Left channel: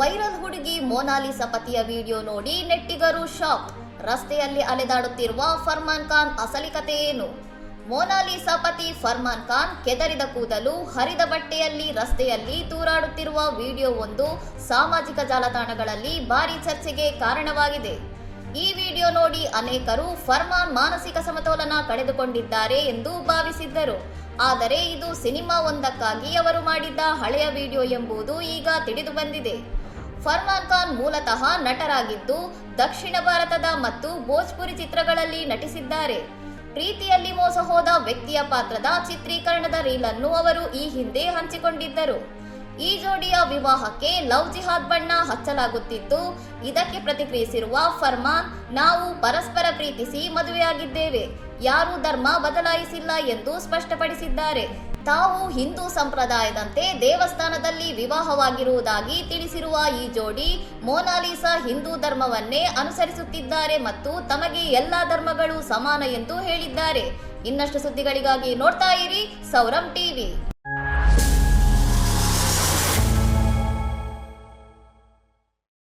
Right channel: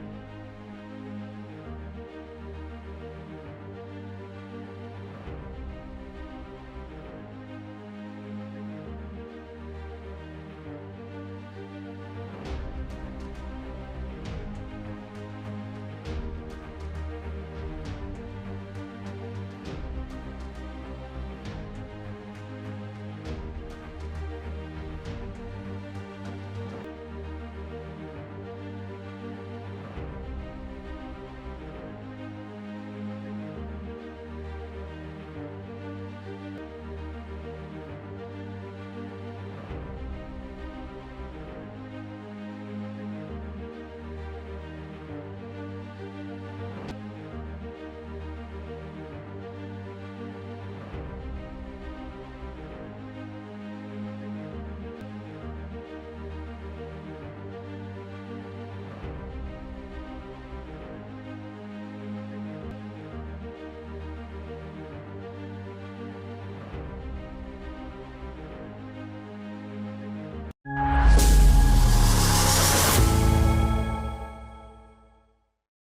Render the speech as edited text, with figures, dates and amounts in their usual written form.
Viral ಹುಡುಗಿ Mona Lisa ಪತಿಯ video ನೋಡಿ ನೆಟ್ಟಿಗರು ಶಾಕ್. ರಸ್ತೆಯಲ್ಲಿ ಅಲೆದಾಡುತ್ತಿರುವ ಫರ್ಮಾನ್ ಖಾನ್ ಅಸಲಿ ಕತೆ ಏನು? ಮೊನಾಲಿಸಾ ಪತಿ ಫರ್ಮಾನ್ ಖಾನ್ ಕೆದರಿದ ಕೂದಲು, ಹರಿದ ಬಟ್ಟೆಯಲ್ಲಿ ರಸ್ತೆಯಲ್ಲಿ ತೂರಾಡುತ್ತಿರುವ ವಿಡಿಯೋವೊಂದು ಸಾಮಾಜಿಕ ಜಾಲತಾಣಗಳಲ್ಲಿ ಭಾರೀ ಚರ್ಚೆಗೆ ಕಾರಣವಾಗಿದೆ. ಈ ವಿಡಿಯೋ ನೋಡಿ ಅನೇಕರು ಫರ್ಮಾನ್ ಮಾನಸಿಕ ಸಮತೋಲನ ಕಳೆದುಕೊಂಡಿದ್ದಾರೆ ಎಂದು ಭಾವಿಸಿದ್ದರು. ಆದರೆ ಇದು ಸಿನಿಮಾವೊಂದಕ್ಕಾಗಿ ಅವರು ಮಾಡಿದ್ದ ಹಳೆಯ ವಿಡಿಯೋ ಎಂಬುದು ಈಗ ತಿಳಿದು ಬಂದಿದೆ. ಫರ್ಮಾನ್ ಖಾನ್ ಮೂಲತಃ ನಟರಾಗಿದ್ದು ದಕ್ಷಿಣ ಭಾರತದ ಮತ್ತು ಭೋಜ್ಪುರಿ ಚಿತ್ರಗಳಲ್ಲಿ ನಟಿಸಿದ್ದಾರೆ. ಪ್ರೀತಿಯಲ್ಲಿ ಮೋಸ ಹೋದ ವ್ಯಕ್ತಿಯ ಪಾತ್ರದ ಚಿತ್ರೀಕರಣದ ರೀಲ್ ಅನ್ನು ಅವರು ಈ ಹಿಂದೆ ಹಂಚಿಕೊಂಡಿದ್ದರು. ಈ ಜೋಡಿಯ ವಿವಾಹಕ್ಕೆ ಲವ್ ಜಿಹಾದ್ ಬಣ್ಣ ಹಚ್ಚಲಾಗುತ್ತಿದ್ದು, ಇದಕ್ಕೆ ಪ್ರತಿಕ್ರಿಯಿಸಿರುವ ಫರ್ಮಾನ್, ನಾವು ಪರಸ್ಪರ ಪ್ರೀತಿಸಿ ಮದುವೆಯಾಗಿದ್ದೇವೆ, ಯಾರೂ ಧರ್ಮ ಬದಲಾಯಿಸಿಲ್ಲ ಎಂದು ಸ್ಪಷ್ಟಪಡಿಸಿದ್ದಾರೆ. ತಾವು ಹಿಂದೂ ಸಂಪ್ರದಾಯದಂತೆ ದೇವಸ್ಥಾನದಲ್ಲಿ ವಿವಾಹವಾಗಿರುವುದಾಗಿ ತಿಳಿಸಿರುವ ಈ ಜೋಡಿ ಮೊನಾಲಿಸಾ ಹಿಂದೂ ಧರ್ಮವನ್ನೇ ಅನುಸರಿಸುತ್ತಿದ್ದಾರೆ ಮತ್ತು ತಮಗೆ ಎಲ್ಲಾ ಧರ್ಮಗಳು ಸಮಾನ ಎಂದು ಹೇಳಿದ್ದಾರೆ. ಇನ್ನಷ್ಟು ಸುದ್ದಿಗಳಿಗಾಗಿ ನೋಡ್ತಾ ಇರಿ ಸೌರಂ ಟಿವಿ.